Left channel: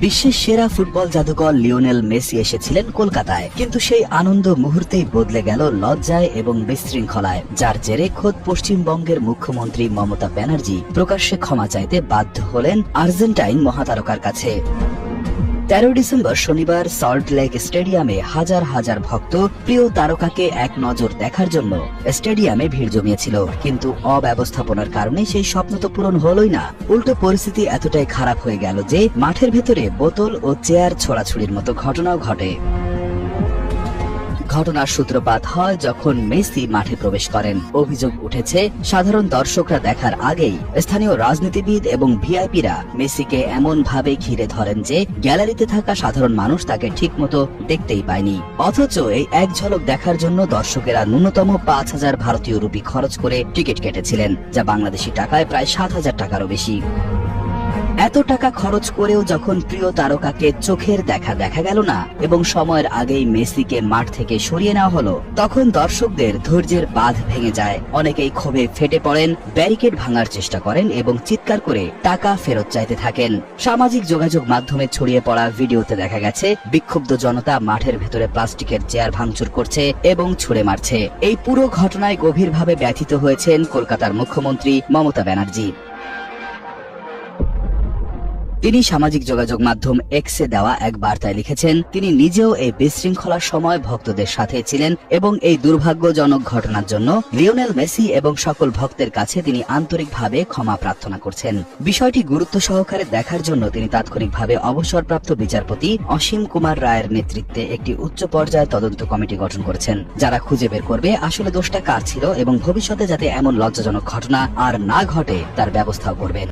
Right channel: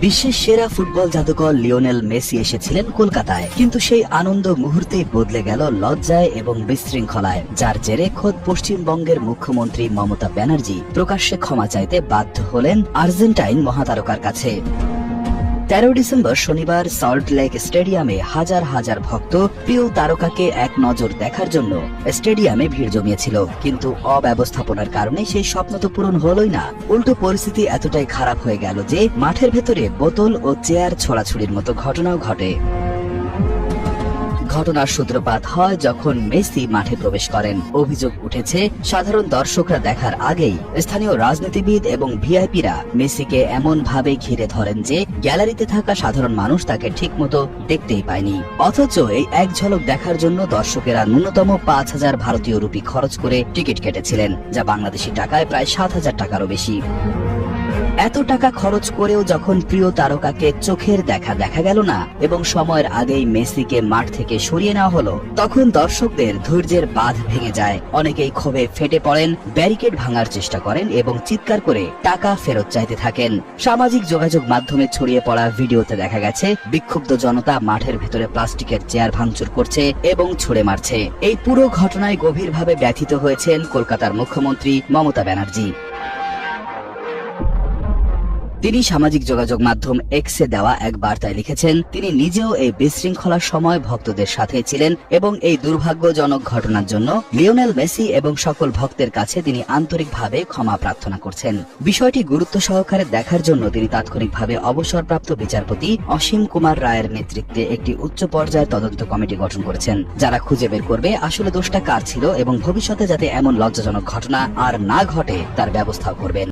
বিশ্বের সেরা ফুটবল জাদুকর লিওনেল মেসি এসেছিলেন কলকাতায়। কিন্তু সেই আনন্দ মুহূর্তেই বদলে গেল লজ্জায় এবং বিশৃঙ্খলায়, যার জেরে খোদ পশ্চিমবঙ্গের মুখ্যমন্ত্রী মমতা ব্যানার্জি প্রকাশ্যে ক্ষমা চাইতে বাধ্য হলেন আর্জেন্টাইন মহাতারকার কাছে। তেরো ডিসেম্বর শনিবার সল্ট লেক স্টেডিয়ামে হাজার হাজার ভক্ত প্রিয় তারকাকে এক নজর দেখার জন্য স্টেডিয়ামে ভিড় জমিয়েছিল। কিন্তু অব্যবস্থাপনার কারণে সেই স্বপ্ন তো পূরণ হলই না। উল্টো পরিস্থিতি এতটাই খারাপ হয়ে গেল যে মাঠের ভেতরে বোতল ও চেয়ার ছড়াছড়ির মতো ঘটনাও ঘটে। ঘটনার সূত্রপাত হয় যখন মেসি মাঠে প্রবেশ করেন। অভিযোগ উঠেছে, সাধারণ দর্শকরা দেখার আগেই স্থানীয় রাজনীতিবিদ এবং ভিআইপিরা মেসিকে এমন ভাবে ঘিরে ধরেন যে গ্যালারিতে থাকা সাধারণ মানুষ তাকে ঠিকমতো দেখতেই পায়নি। অথচ এই এক ঝলক দেখার জন্য দর্শকেরা ন্যূনতম পাঁচ হাজার ভারতীয় রুপি খরচ করে টিকিট কেটেছিলেন, যা বাংলাদেশি টাকায় প্রায় সাত হাজার টাকারও বেশি। এত টাকা খরচ করেও যখন প্রিয় তারকাকে চোখের দেখা দেখা গেল না এবং সময়ের আগেই মেসিকে মাঠ থেকে সরিয়ে নেওয়া হলো, তখন দর্শকদের ধৈর্যের বাঁধ ভেঙে যায়। অনেকেই ক্ষোভে ফেটে পড়েন, ব্যারিকেড ভাঙার চেষ্টা করেন এবং চিৎকার করে টাকা ফেরত চাইতে থাকেন। সামাজিক যোগাযোগ মাধ্যমে ছড়িয়ে পড়া ভিডিওতে দেখা গেছে, বিক্ষুব্ধ জনতা মাঠের ভেতরে প্লাস্টিকের চেয়ার ভাঙচুর করছে এবং ছুড়ে মারছে। এই পুরো ঘটনায় গভীরভাবে ব্যথিত হয়েছেন কলকাতার মুখ্যমন্ত্রী মমতা ব্যানার্জি। তিনি সামাজিক যোগাযোগ মাধ্যম এক্সে দেওয়া এক বার্তায় লিখেছেন, তিনি নিজেও এই বিশৃঙ্খলার সময় ভক্তদের সাথে ছিলেন এবং এই দুর্ভাগ্যজনক ঘটনার জন্য লিওনেল মেসি এবং সকল ভক্তের কাছে তিনি আন্তরিকভাবে ক্ষমা প্রার্থনা করছেন। বিষয়টি গুরুত্ব সহকারে দেখার জন্য তিনি তাৎক্ষণিকভাবে অবসরপ্রাপ্ত বিচারপতি অসীম কুমার রায়ের নেতৃত্বে একটি উচ্চ পর্যায়ের তদন্ত কমিটি গঠন করেছেন। যারা খুঁজে বের করবে আসলে দোষটা কার ছিল এবং ভবিষ্যতে যাতে এমন লজ্জাজনক ঘটনা আর না ঘটে তার ব্যবস্থাও করবেন।